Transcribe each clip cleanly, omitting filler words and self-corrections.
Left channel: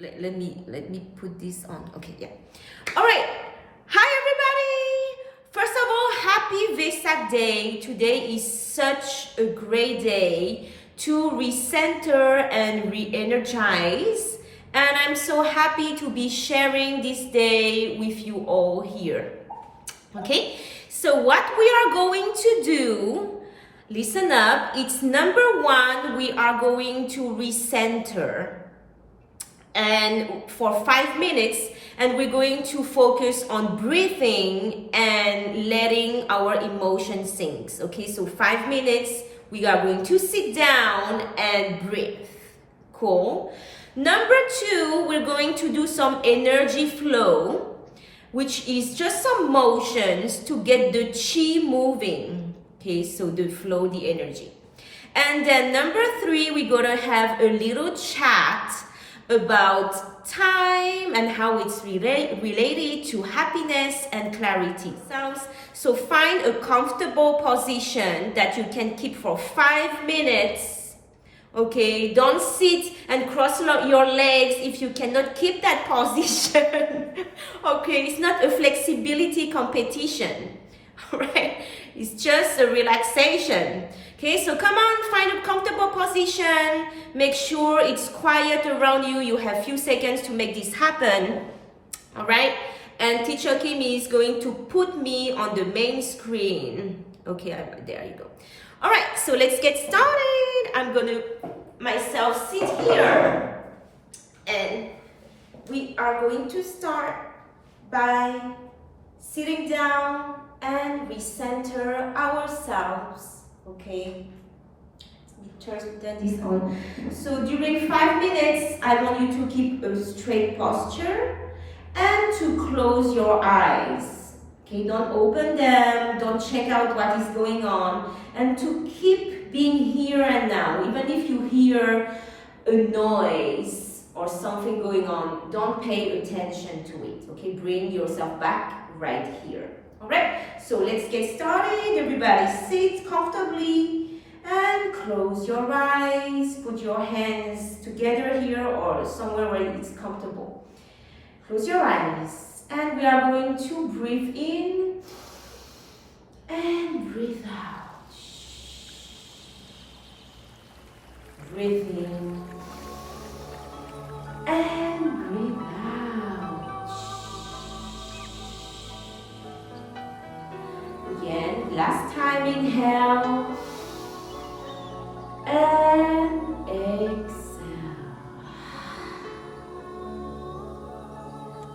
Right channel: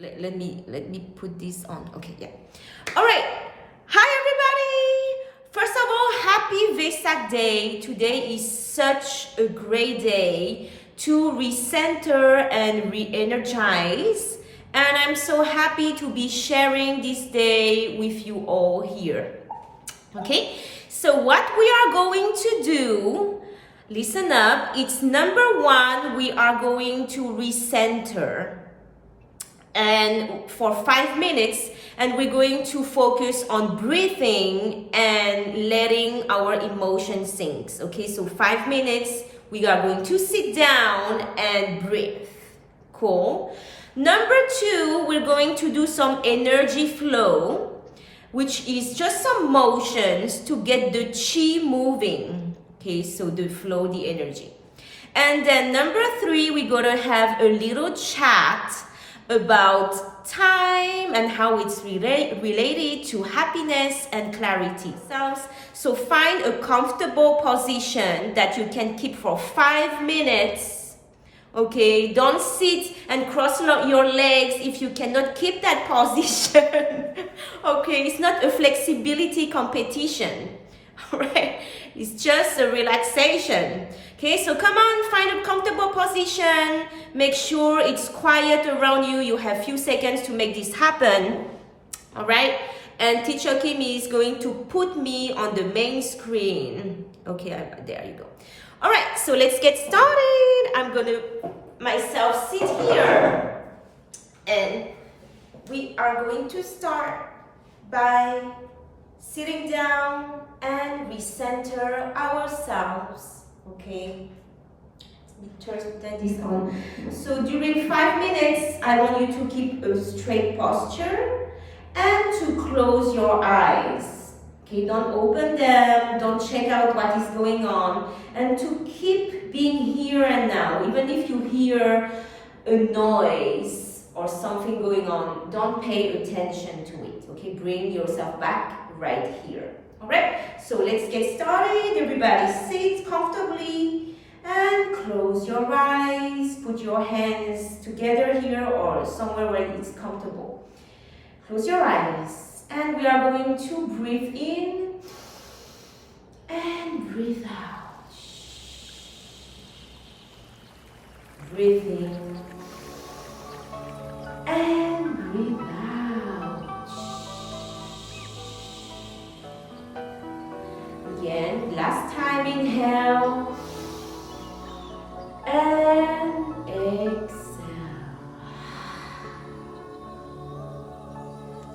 let me put this on. Okay, yeah. All right. Hi, everybody. First of all, happy Vesak Day. Today is such a great day to recenter and re-energize. And I'm so happy to be sharing this day with you all here. Okay, so what we are going to do, listen up, it's number one, we are going to recenter and for 5 minutes, and we're going to focus on breathing and letting our emotions sink. Okay, so 5 minutes, we are going to sit down and breathe. Cool. Number two, we're going to do some energy flow, which is just some motions to get the chi moving. Okay, so the flow, the energy. And then number three, we're gonna have a little chat about time and how it's related to happiness and clarity. So find a comfortable position that you can keep for 5 minutes. Okay, don't sit and cross your legs if you cannot keep that position. Okay, it's not a flexibility competition. Right? It's just a relaxation. Okay, so come on, find a comfortable position. Make sure it's quiet around you. You have few seconds to make this happen. All right, and teacher Kim is going to put me on the main screen. Okay, there you go. All right, so let's get started. I'm gonna myself sit here, and we are going to start by sitting down and recenter ourselves. Okay, let me turn this on. So during 5 minutes, I want you to keep a straight posture and to close your eyes. Okay, don't open them, don't check out what is going on, and to keep being here and now. Even if you hear a noise or something going on, don't pay attention to it. Okay, bring yourself back right here. All right, so let's get started. Everybody sit comfortably and close your eyes. Put your hands together here or somewhere where it's comfortable. Close your eyes. And we are going to breathe in and breathe out. Breathe in and breathe out. Again, last time, inhale and exhale.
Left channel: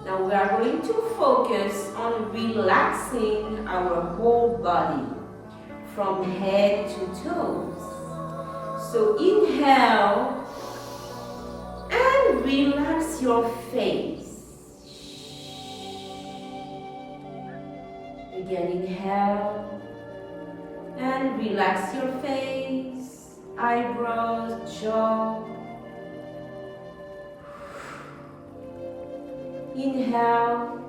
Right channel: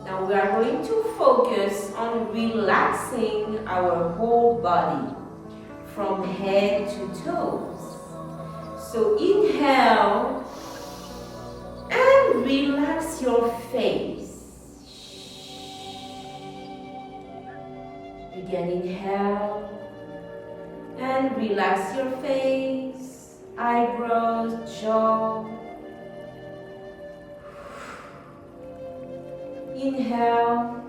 Now we are going to focus on relaxing our whole body from head to toes. So inhale and relax your face. Again, inhale and relax your face, eyebrows, jaw. Inhale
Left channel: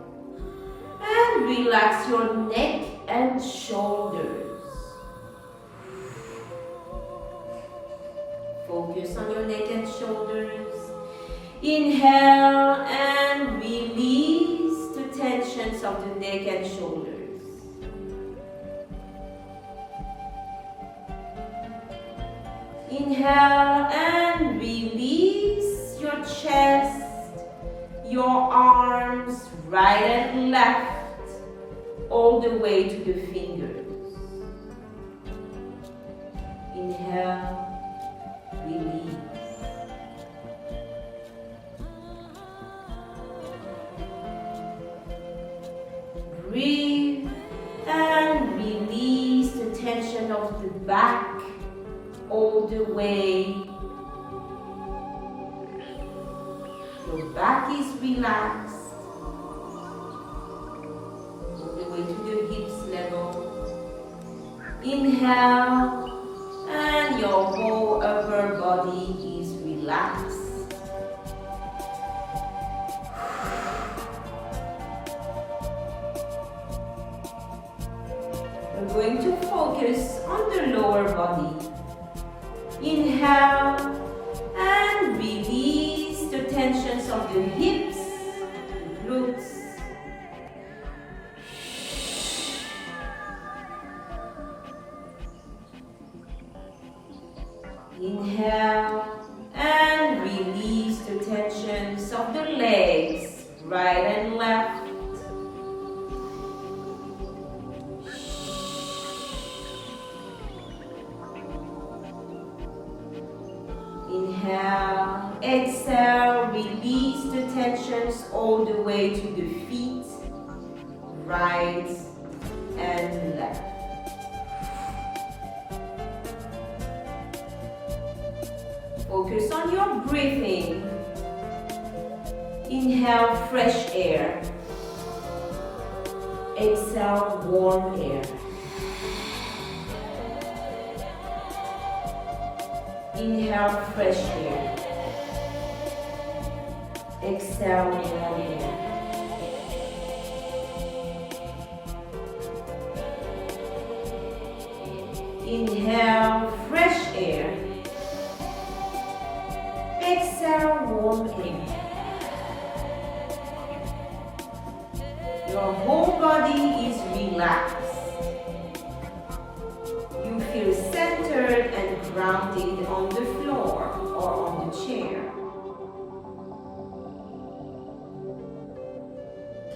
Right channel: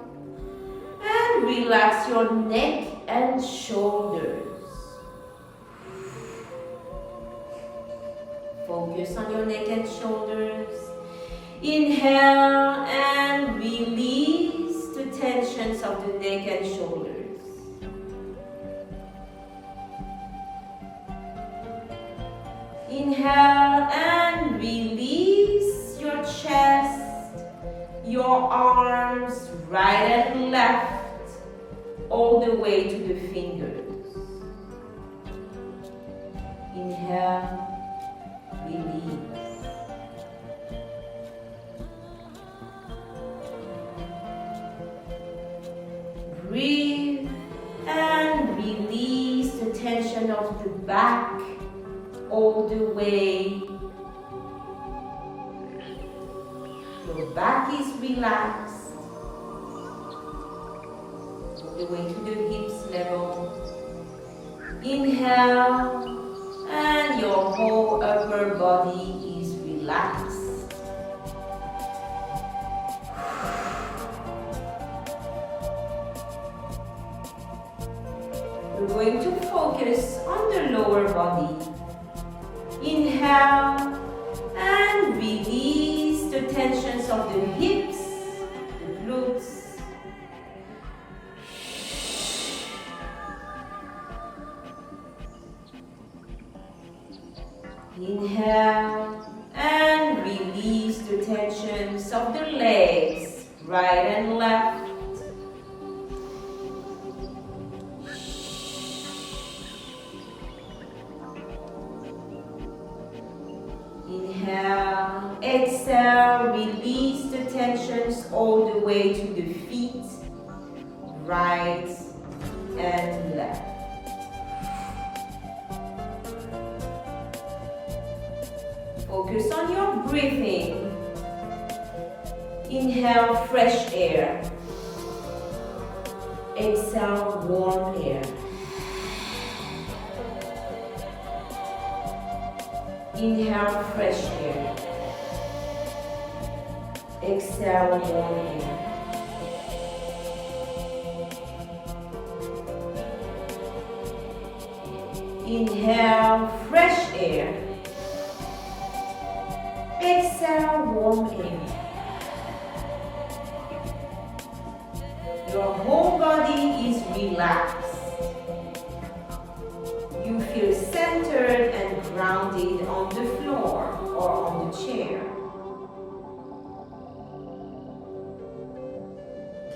and relax your neck and shoulders. Focus on your neck and shoulders. Inhale and release the tensions of the neck and shoulders. Inhale and release your chest, your arms, right and left, all the way to the fingers. Inhale, release. Breathe and release the tension of the back all the way. Your back is relaxed, all the way to the hips level. Inhale, and your whole upper body is relaxed. We're going to focus on the lower body. Inhale and release the tensions of the hips, the glutes. Inhale and release the tensions of the legs, right and left. Inhale, exhale, release the tensions all the way to the feet, right and left. Focus on your breathing. Inhale, fresh air. Exhale, warm air. Inhale, fresh air. Exhale, warm air. Inhale, fresh air. Exhale, warm air. Your whole body is relaxed. You feel centered and grounded on the floor or on the chair.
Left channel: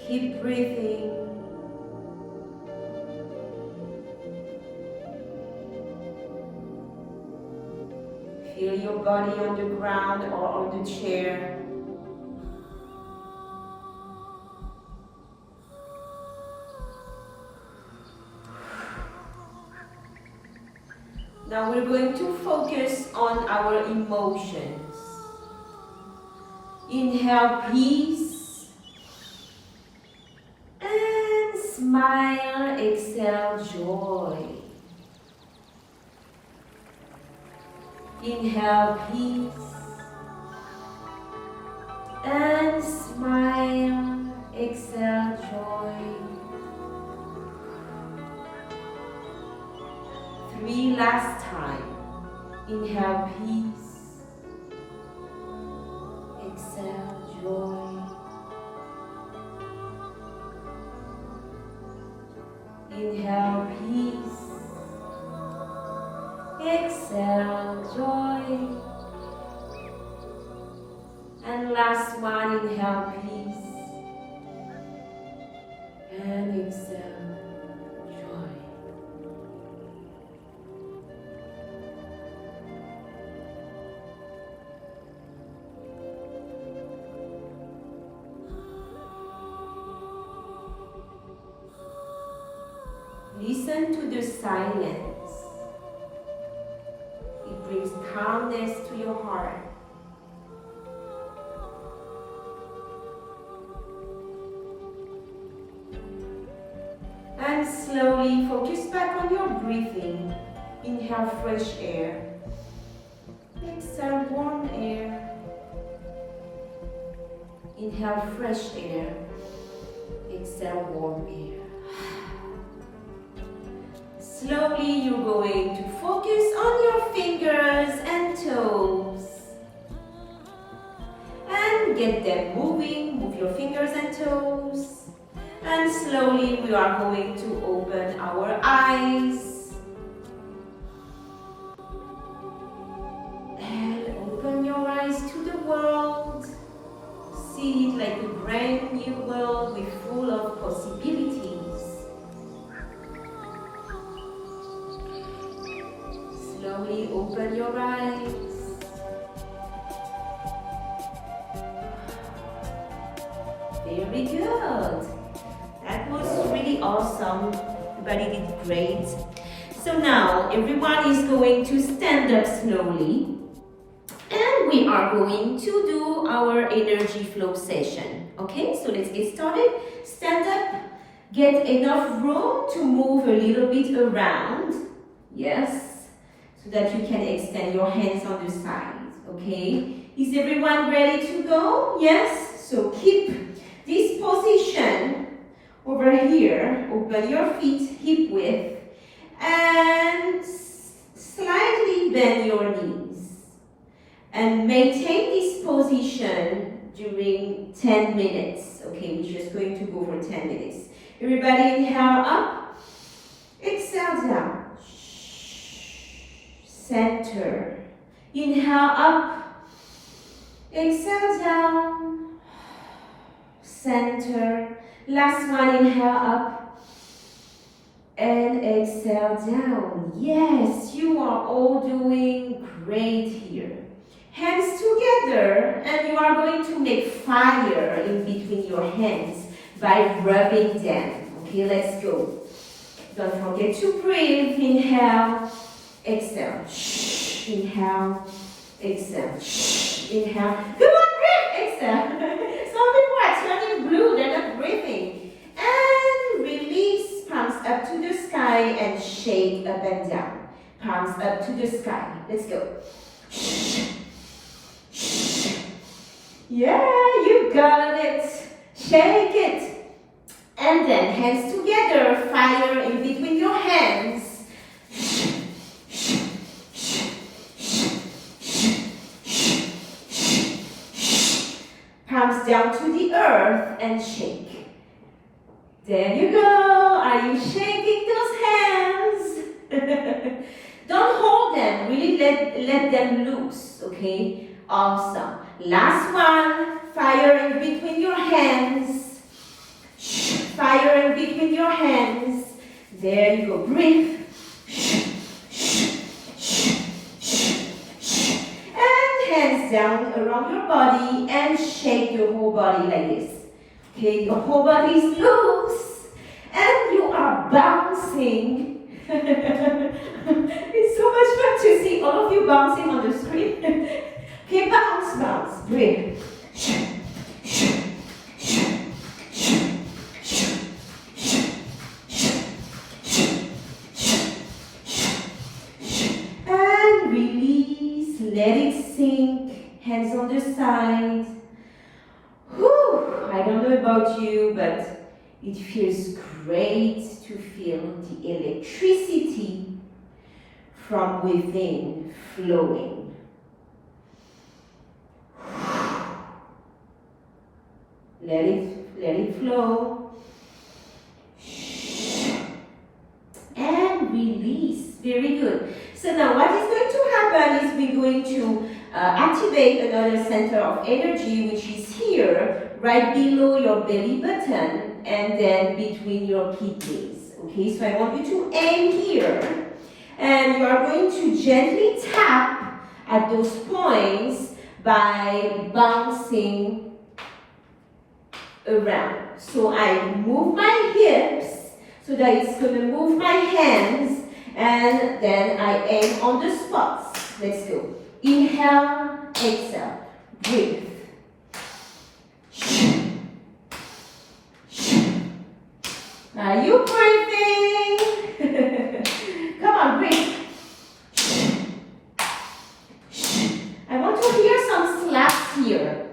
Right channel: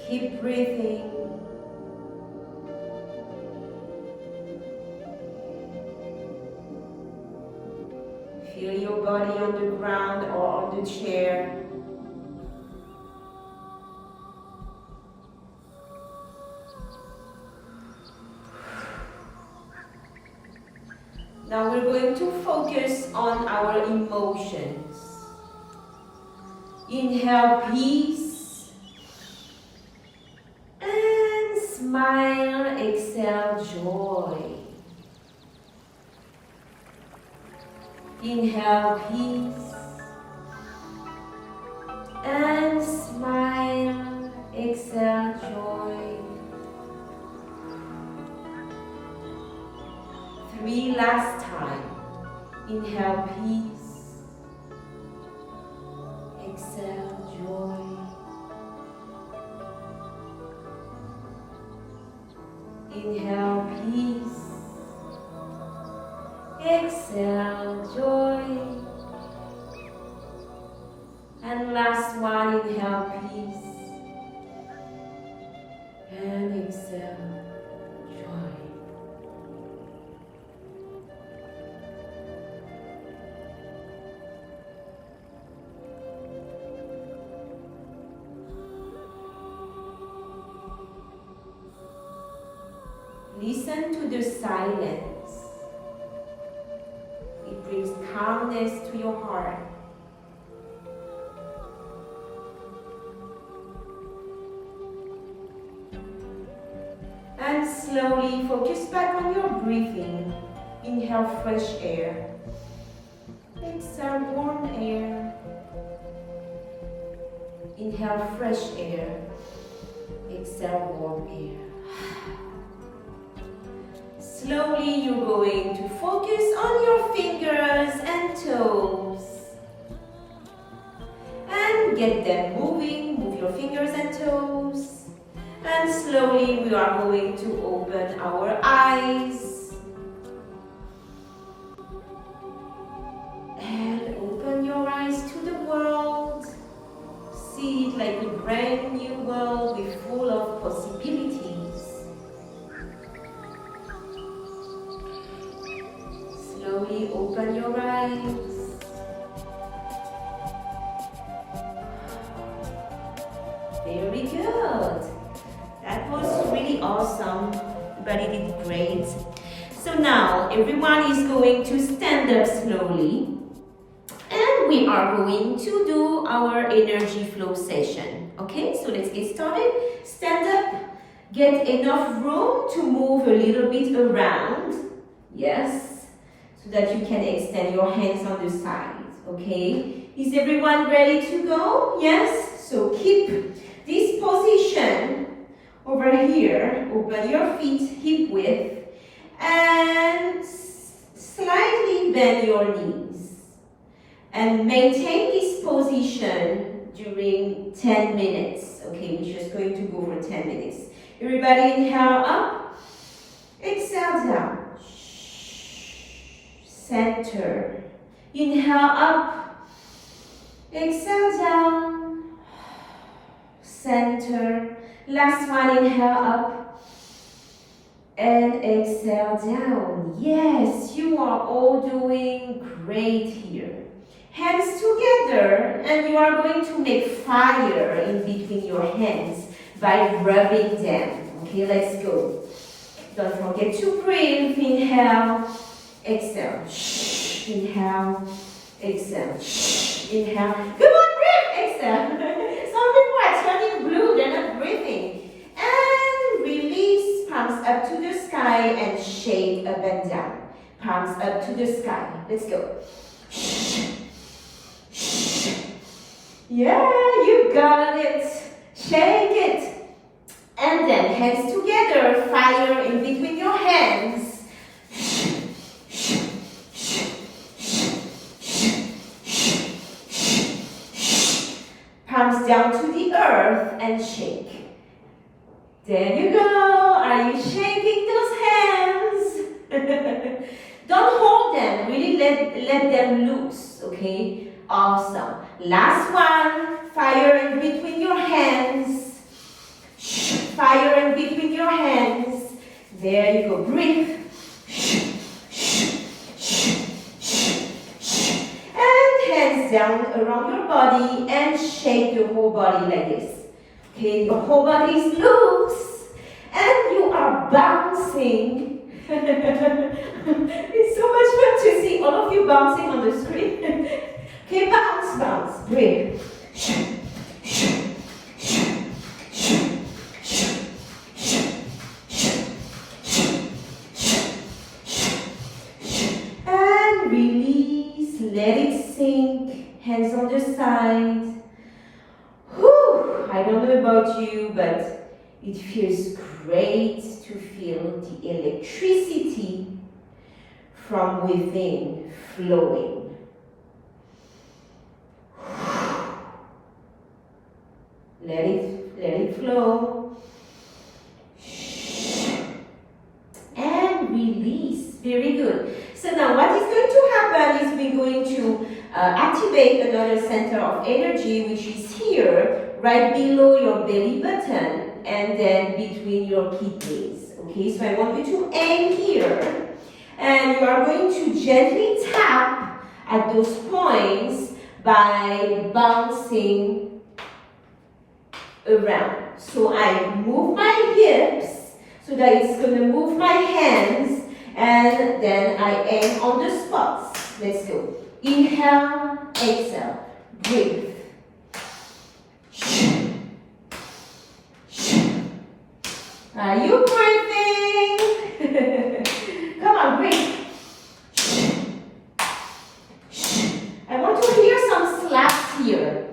Keep breathing. Feel your body on the ground or on the chair. Now we're going to focus on our emotions. Inhale, peace. And smile, exhale, joy. Inhale, peace. And smile, exhale, joy. 3 last time. Inhale, peace. Exhale, joy. Inhale, peace. Exhale, joy. And last one, inhale, peace. And exhale, joy. Listen to the silence. It brings calmness to your heart. And slowly focus back on your breathing. Inhale, fresh air. Exhale, warm air. Inhale, fresh air. Exhale, warm air. Slowly you're going to focus on your fingers and toes. And get them moving. Move your fingers and toes. And slowly we are going to open our eyes. And open your eyes to the world. See it like a brand new world with full of possibilities. Slowly open your eyes. Very good. That was really awesome. Everybody did great. So now everyone is going to stand up slowly. And we are going to do our energy flow session. Okay, so let's get started. Stand up. Get enough room to move a little bit around. Yes. So that you can extend your hands on the sides, okay? Is everyone ready to go? Yes? So keep this position over here. Open your feet hip width and slightly bend your knees. And maintain this position during 10 minutes. Okay, we're just going to go for 10 minutes. Everybody inhale up, exhale down. Center. Inhale up, exhale down. Center. Last one, inhale up and exhale down. Yes, you are all doing great here. Hands together, and you are going to make fire in between your hands by rubbing them. Okay, let's go. Don't forget to breathe. Inhale, exhale. Inhale, exhale. Inhale. Come on, breathe. Exhale. Some people are turning blue. They're not breathing. And release. Palms up to the sky and shake up and down. Palms up to the sky. Let's go. Yeah, you got it. Shake it. And then hands together, fire in between your hands. Palms down to the earth and shake. There you go. Are you shaking those hands? Don't hold them. Really let them loose, okay? Awesome. Last one. Fire in between your hands. Fire in between your hands. There you go. Breathe. And hands down around your body and shake your whole body like this. Okay, your whole body is loose and you are bouncing. It's so much fun to see all of you bouncing on the screen. Okay, bounce, bounce, breathe. And release, let it sink, hands on the side. Whew, I don't know about you, but it feels great to feel the electricity from within flowing. Let it flow. And release. Very good. So now what is going to happen is we're going to activate another center of energy, which is here, right below your belly button and then between your kidneys. Okay, so I want you to aim here. And you are going to gently tap at those points by bouncing around. So I move my hips so that it's going to move my hands, and then I aim on the spots. Let's go. Inhale, exhale, breathe. Are you breathing? Come on, breathe. I want to hear some slaps here.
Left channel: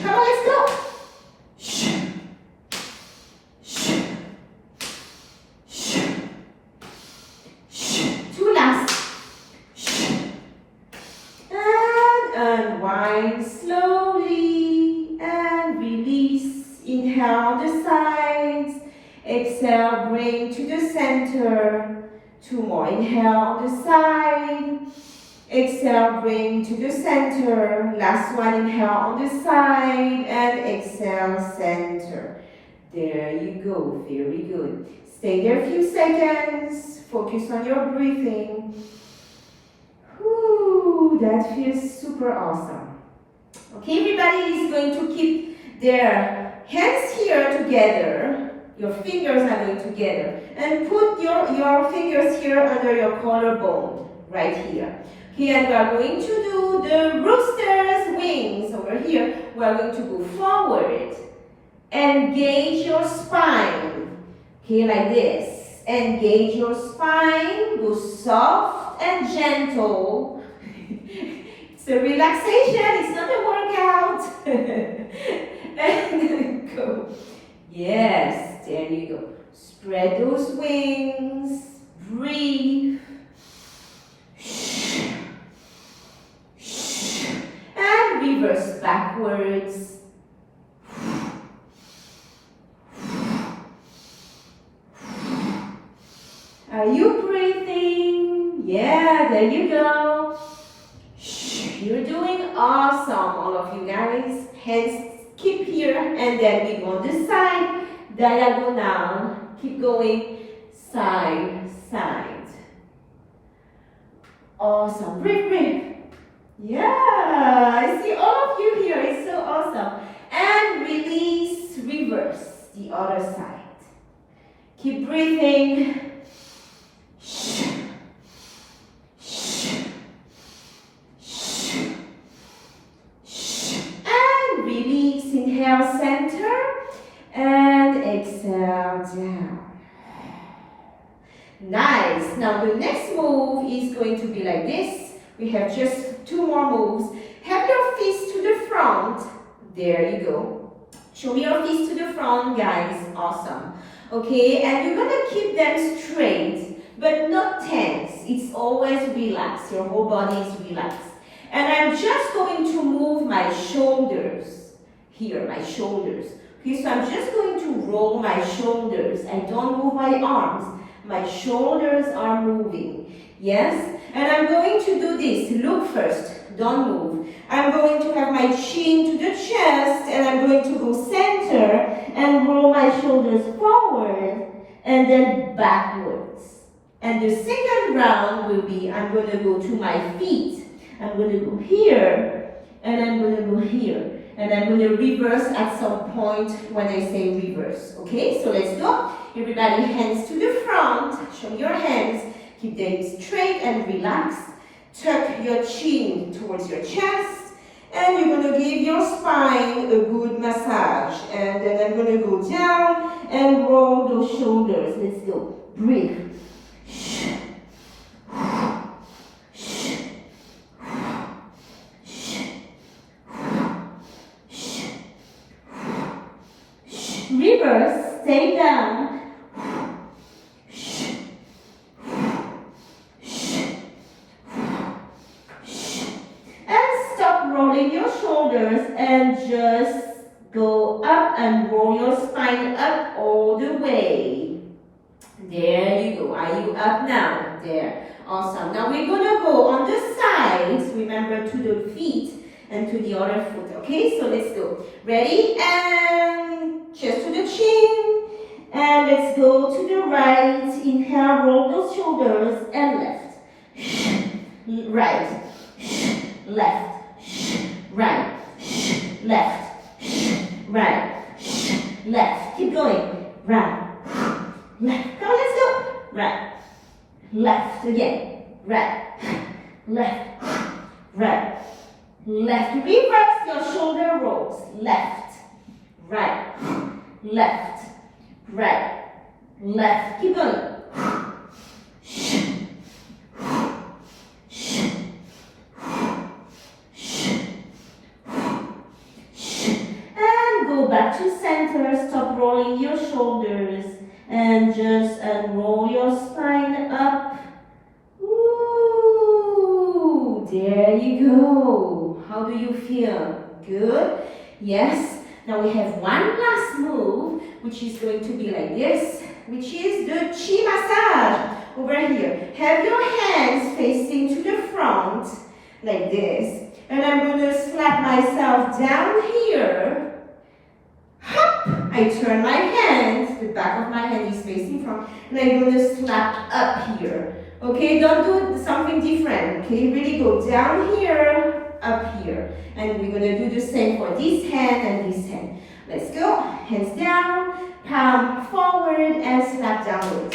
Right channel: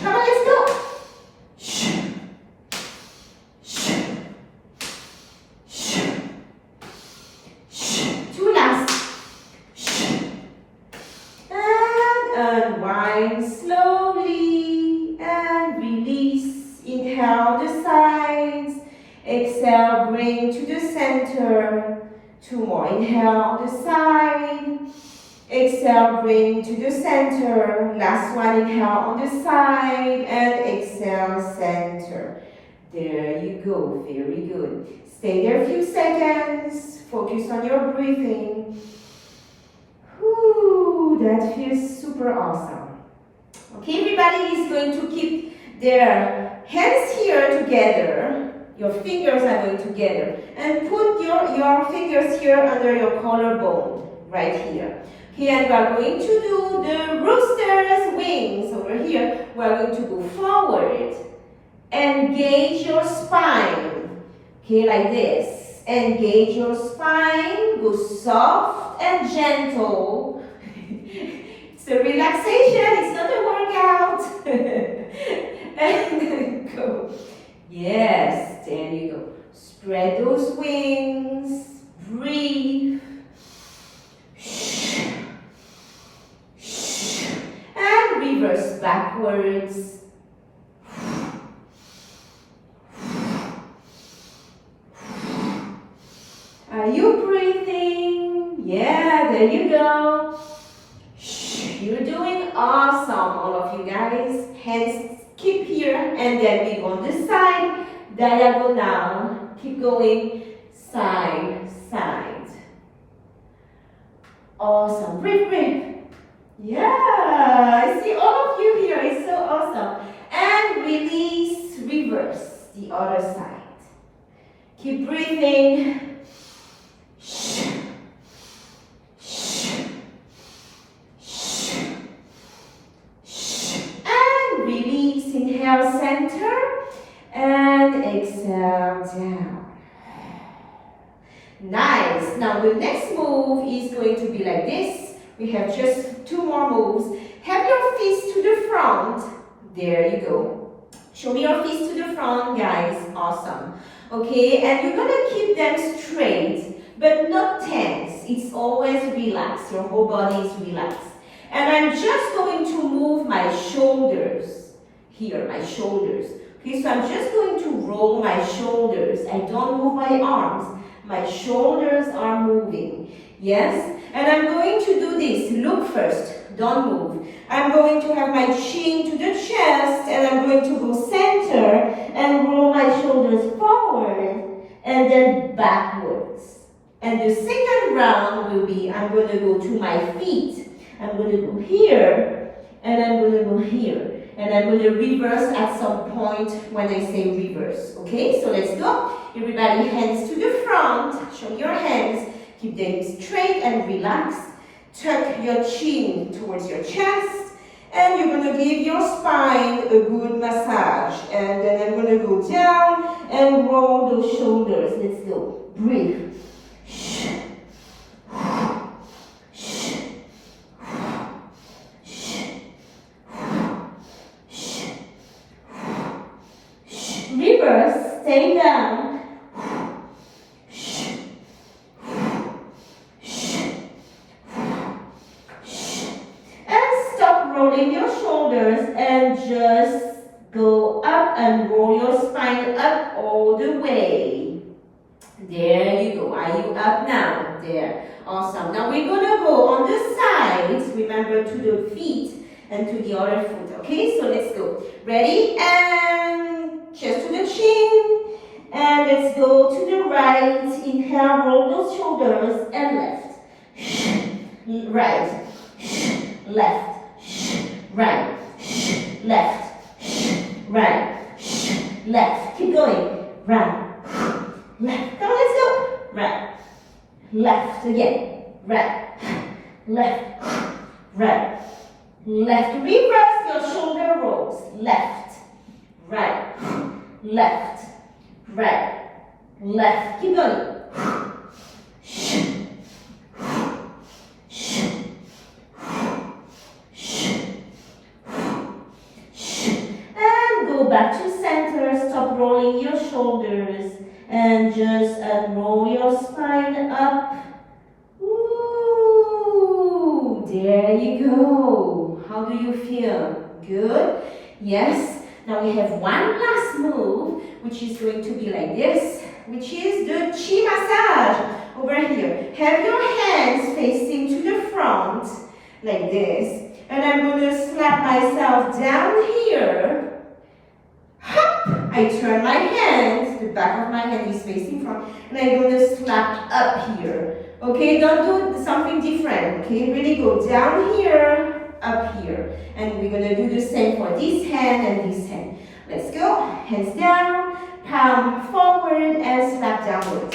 Come on, let's go. Two last. And unwind slowly and release. Inhale the sides. Exhale, bring to the center. Two more. Inhale on the side. Exhale, bring to the center. Last one, inhale on the side. And exhale, center. There you go. Very good. Stay there a few seconds. Focus on your breathing. Whew, that feels super awesome. Okay, everybody is going to keep their hands here together. Your fingers are going together. And put your fingers here under your collarbone, right here. Okay, and we are going to do the rooster's wings over here. We are going to go forward. Engage your spine. Okay, like this. Engage your spine. Go soft and gentle. It's a relaxation. It's not a workout. And go. Yes, there you go. Spread those wings. Breathe. backwards. Are you breathing? Yeah, there you go. You're doing awesome, all of you guys. Hands keep here, and then we go on this side, diagonal. Keep going, side, side. Awesome. Breathe, breathe. Yeah, I see all of you here. It's so awesome. And release, reverse the other side. Keep breathing. And release, inhale, center, and exhale, down. Nice. Now the next move is going to be like this. We have just 2 more moves. Have your fists to the front. There you go. Show me your fists to the front, guys. Awesome. Okay, and you're gonna keep them straight, but not tense. It's always relaxed. Your whole body is relaxed. And I'm just going to move my shoulders. Here, my shoulders. Okay, so I'm just going to roll my shoulders. I don't move my arms. My shoulders are moving. Yes? And I'm going to do this. Look first. Don't move. I'm going to have my chin to the chest, and I'm going to go center and roll my shoulders forward and then backwards. And the second round will be, I'm going to go to my feet. I'm going to go here, and I'm going to go here. And I'm going to reverse at some point when I say reverse. Okay, so let's go. Everybody, hands to the front. Show your hands. Keep them straight and relaxed. Tuck your chin towards your chest. And you're going to give your spine a good massage. And then I'm going to go down and roll those shoulders. Let's go. Breathe. Reverse, stay down. And stop rolling your shoulders and just go up and roll your spine up all the way. There you go. Are you up now? There. Awesome. Now we're going to go on the sides. Remember, to the feet and to the other foot. Okay, so let's go. Ready? And chest to the chin. And let's go to the right. Inhale, roll those shoulders, and left. Right. Left. Right. Left. Right. Left. Keep going. Right. Left. Come on, let's go. Right. Left again. Right. Left. Right. Left. Reverse your shoulder rolls. Left. Right. Left. Right. Left. Keep going. And go back to center. Stop rolling your shoulders. And just roll your spine up. Ooh, there you go. How do you feel? Good? Yes? Now we have one last move, which is going to be like this, which is the chi massage. Over here. Have your hands facing to the front, like this. And I'm going to slap myself down here. Hop! I turn my hands, the back of my hand is facing front, and I'm going to slap up here. Okay, don't do something different. Okay, really go down here, up here. And we're going to do the same for this hand and this hand. Let's go. Hands down, palm forward, and slap downward.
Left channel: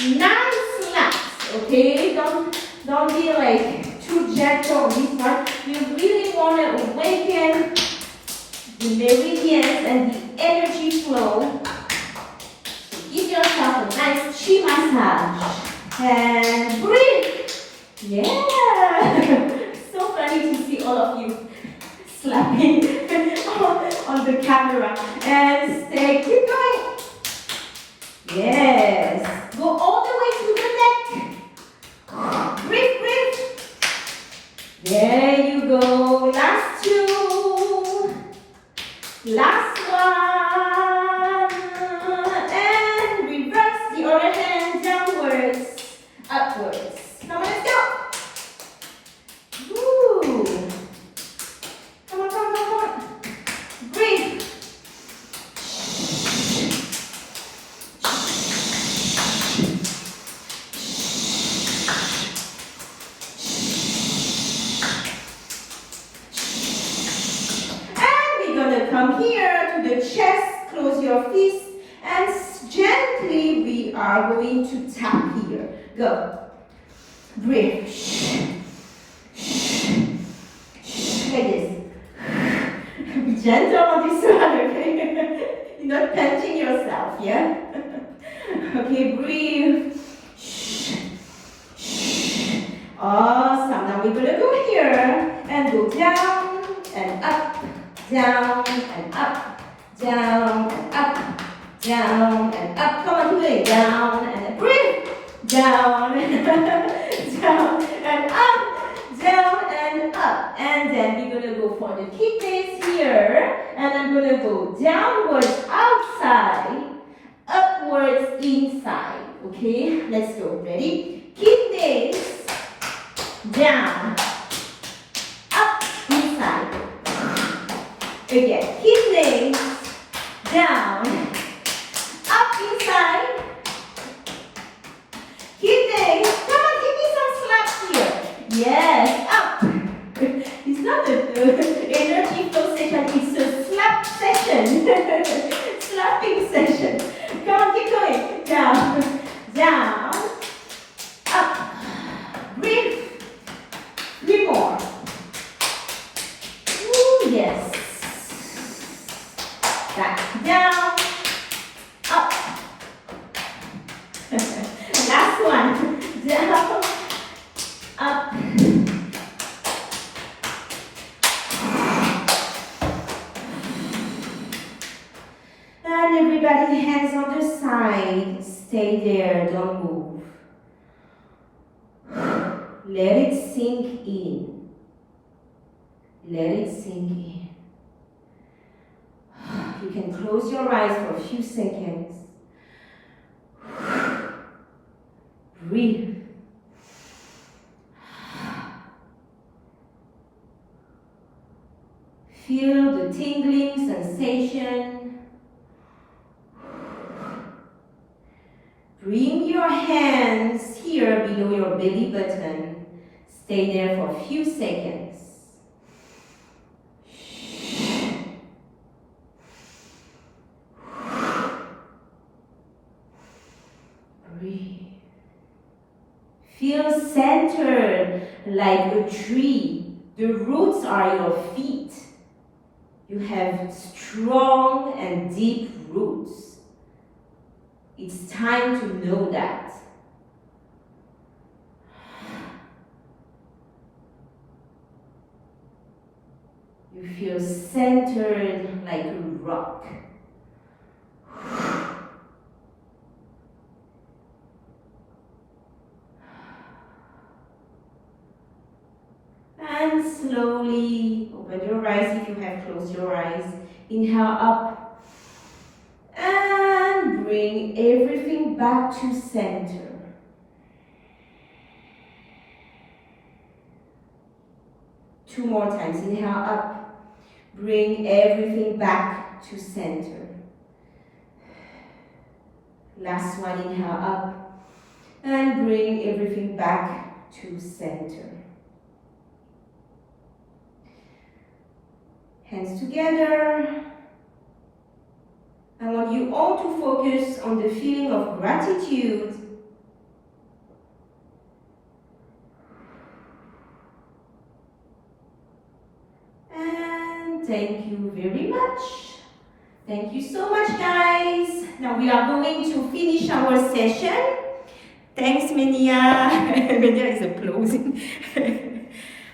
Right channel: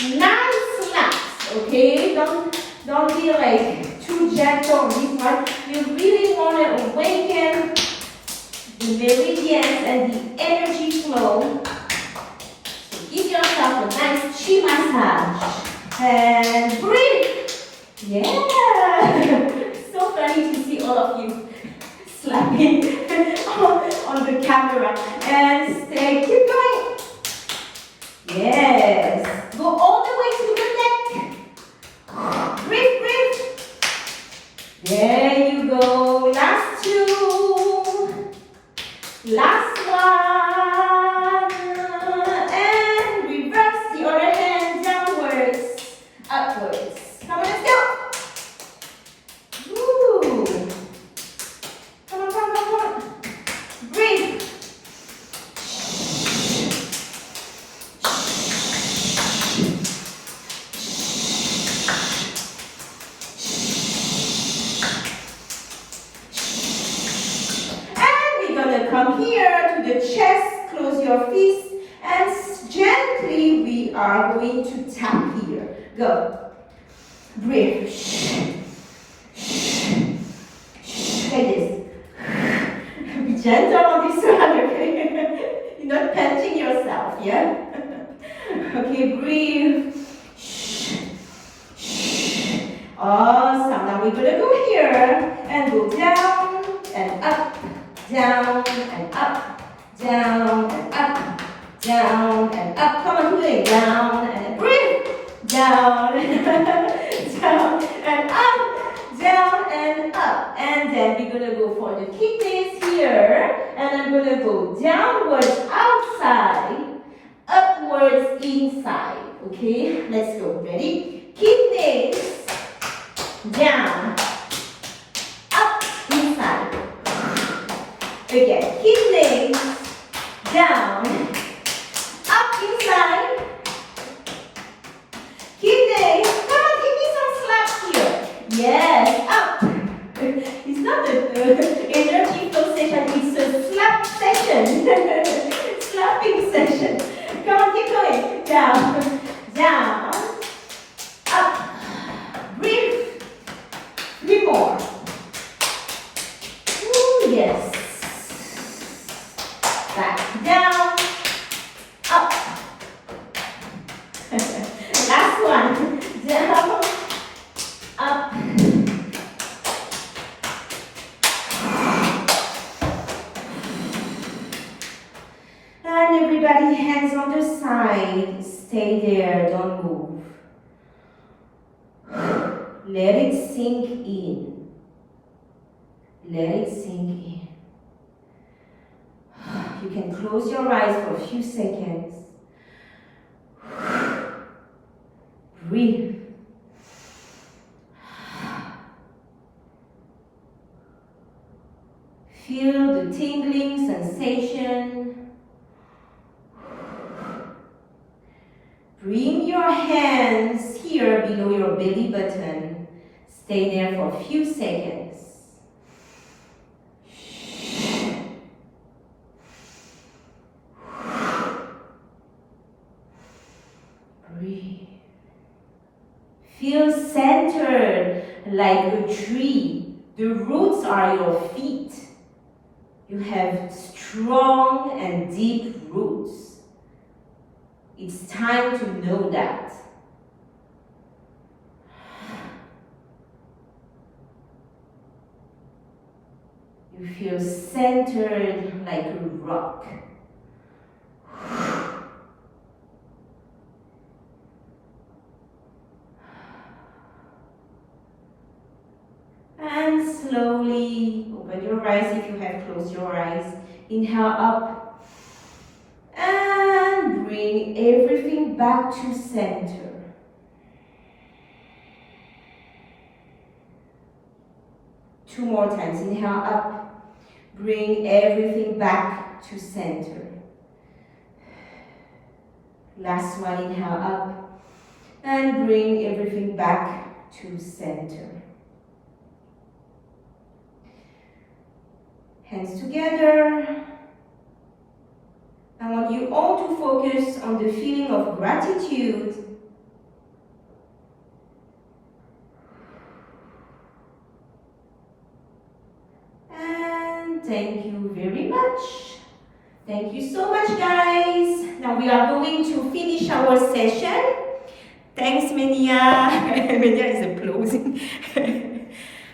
Nice slaps. Okay, don't be like too gentle on this one. You really want to awaken the meridians and the energy flow. So give yourself a nice chi massage. And breathe. Yeah. So funny to see all of you slapping on the camera. And stay, keep going. Yes. Go all the way to the neck. Breathe, breathe. There you go. Last two. upwards. Come on, let's go. Woo. Come on, come on, come on. Breathe. Come here to the chest, close your fists, and gently we are going to tap here. Go. Breathe. Like this. Be gentle on this one, okay? You're not pinching yourself, yeah? Okay, breathe. Awesome. Now we're going to go here and go down and up. Down and up, down and up, down and up. Come on, do it. Down and breathe. Down, down and up, down and up. And then we're going to go for the kidneys here. And I'm going to go downwards outside, upwards inside. Okay, let's go. Ready? Kidneys, down, up, inside. Again, kidneys, down, up inside, kidneys, come on, give me some slaps here, yes, up, it's not a energy flow session, it's a slap session, slapping session, come on, keep going, down, down, up, breathe, 3 more, ooh, yes. Back down, up. Last one. Down, up. And everybody, hands on the side. Stay there, don't move. Let it sink in. Let it sink in. You can close your eyes for a few seconds. Breathe. Feel the tingling sensation. Bring your hands here below your belly button. Stay there for a few seconds. Breathe. Feel centered like a tree. The roots are your feet. You have strong and deep roots. It's time to know that. You feel centered like a rock. And slowly open your eyes if you have closed your eyes. Inhale up. And bring everything back to center. Two more times. Inhale up. Bring everything back to center. Last one. Inhale up. And bring everything back to center. Hands together. I want you all to focus on the feeling of gratitude. And thank you very much. Thank you so much, guys. Now we are going to finish our session. Thanks, Menia. Menia is applauding.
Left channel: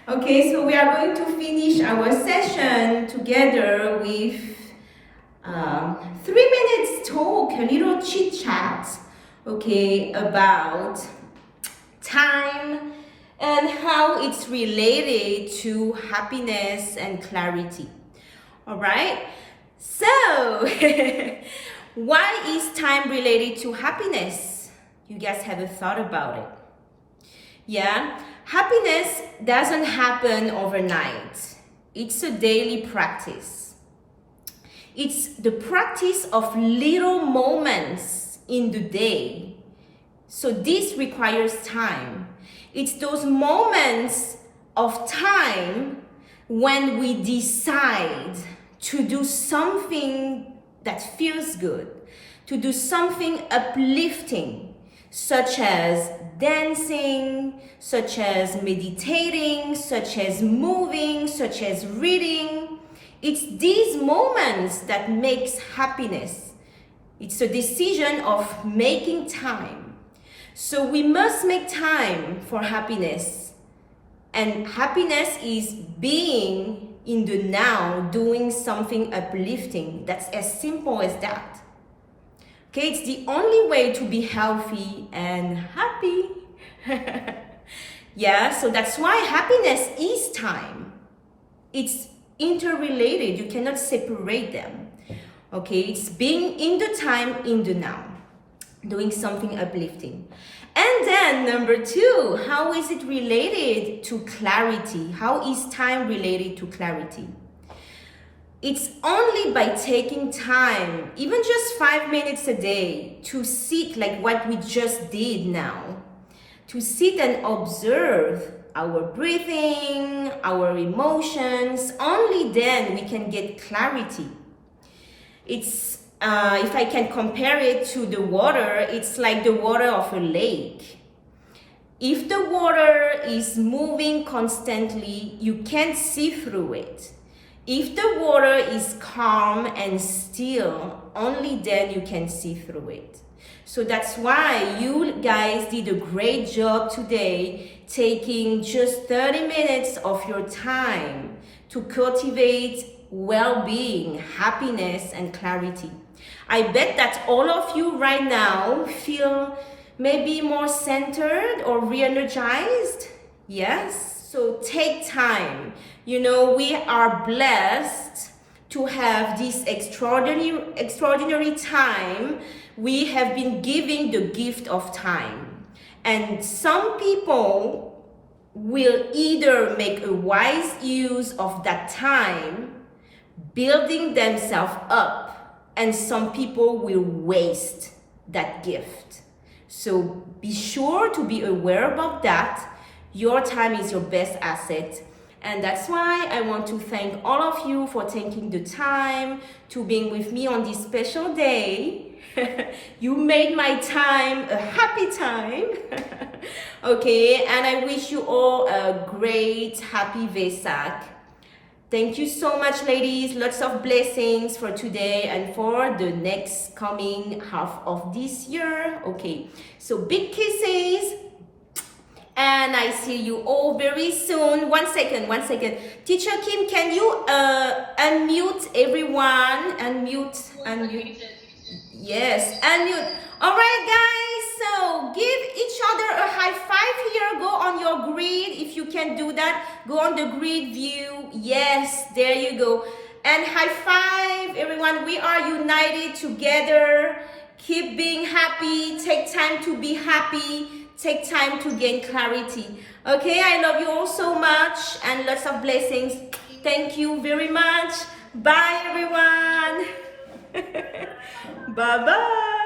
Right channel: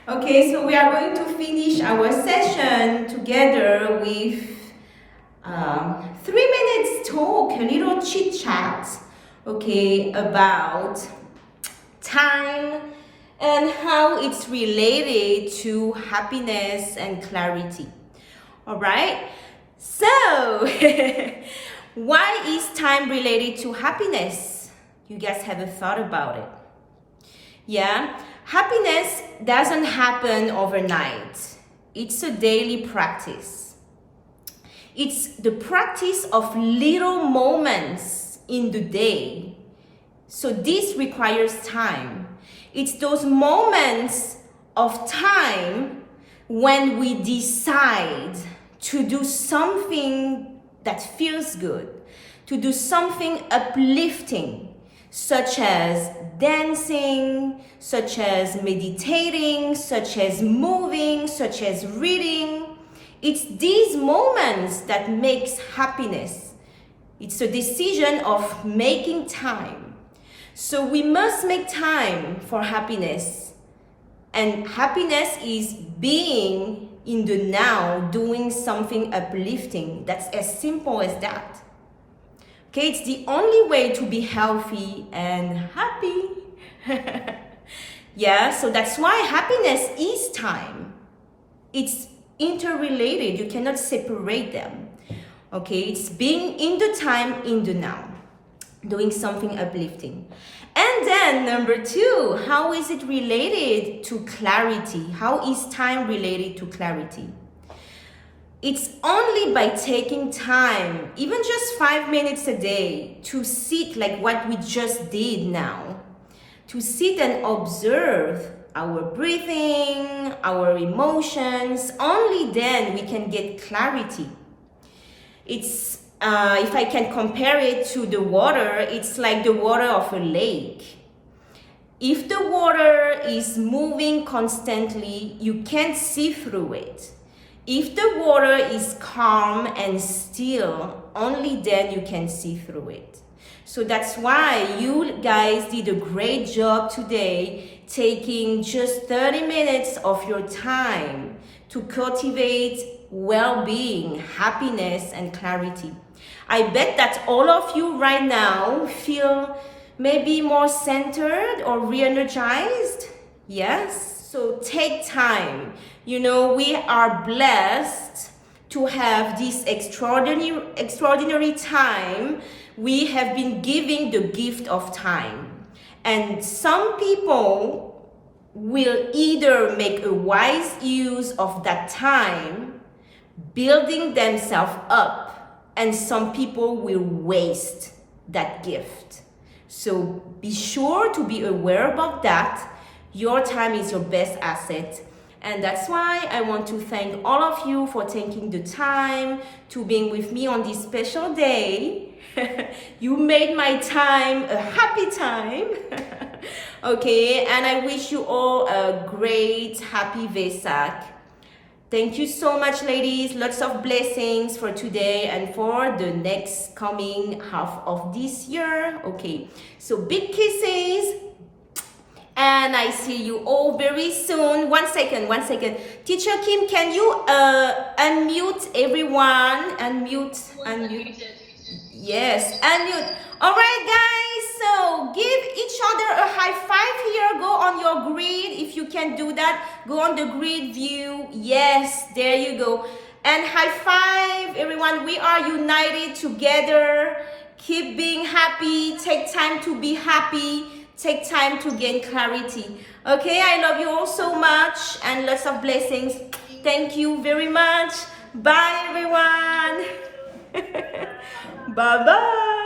Okay, so we are going to finish our session together with 3 minutes talk, a little chit chat, okay, about time and how it's related to happiness and clarity. All right, so why is time related to happiness? You guys haven't thought about it. Yeah, happiness doesn't happen overnight. It's a daily practice. It's the practice of little moments in the day. So this requires time. It's those moments of time when we decide to do something that feels good, to do something uplifting, such as dancing, such as meditating, such as moving, such as reading. It's these moments that makes happiness. It's a decision of making time. So we must make time for happiness. And happiness is being in the now, doing something uplifting. That's as simple as that. Okay, it's the only way to be healthy and happy. Yeah, so that's why happiness is time. It's interrelated. You cannot separate them. Okay, it's being in the time, in the now, doing something uplifting. And then number 2, how is it related to clarity? How is time related to clarity? It's only by taking time, even just 5 minutes a day, to sit like what we just did now, to sit and observe our breathing, our emotions. Only then we can get clarity. It's if I can compare it to the water, it's like the water of a lake. If the water is moving constantly, you can't see through it. If the water is calm and still, only then you can see through it. So that's why you guys did a great job today, taking just 30 minutes of your time to cultivate well-being, happiness, and clarity. I bet that all of you right now feel maybe more centered or re-energized. Yes, so take time. You know, we are blessed to have this extraordinary time. We have been given the gift of time. And some people will either make a wise use of that time, building themselves up, and some people will waste that gift. So be sure to be aware about that. Your time is your best asset. And that's why I want to thank all of you for taking the time to being with me on this special day. You made my time a happy time. Okay, and I wish you all a great, happy Vesak. Thank you so much, ladies. Lots of blessings for today and for the next coming half of this year. Okay, so big kisses. And I see you all very soon. One second. Teacher Kim, can you unmute everyone? Unmute. Yes, unmute. All right, guys. So give each other a high five here. Go on your grid. If you can do that, go on the grid view. Yes, there you go. And high five, everyone. We are united together. Keep being happy. Take time to be happy. Take time to gain clarity. Okay, I love you all so much and lots of blessings. Thank you very much. Bye, everyone. Bye-bye.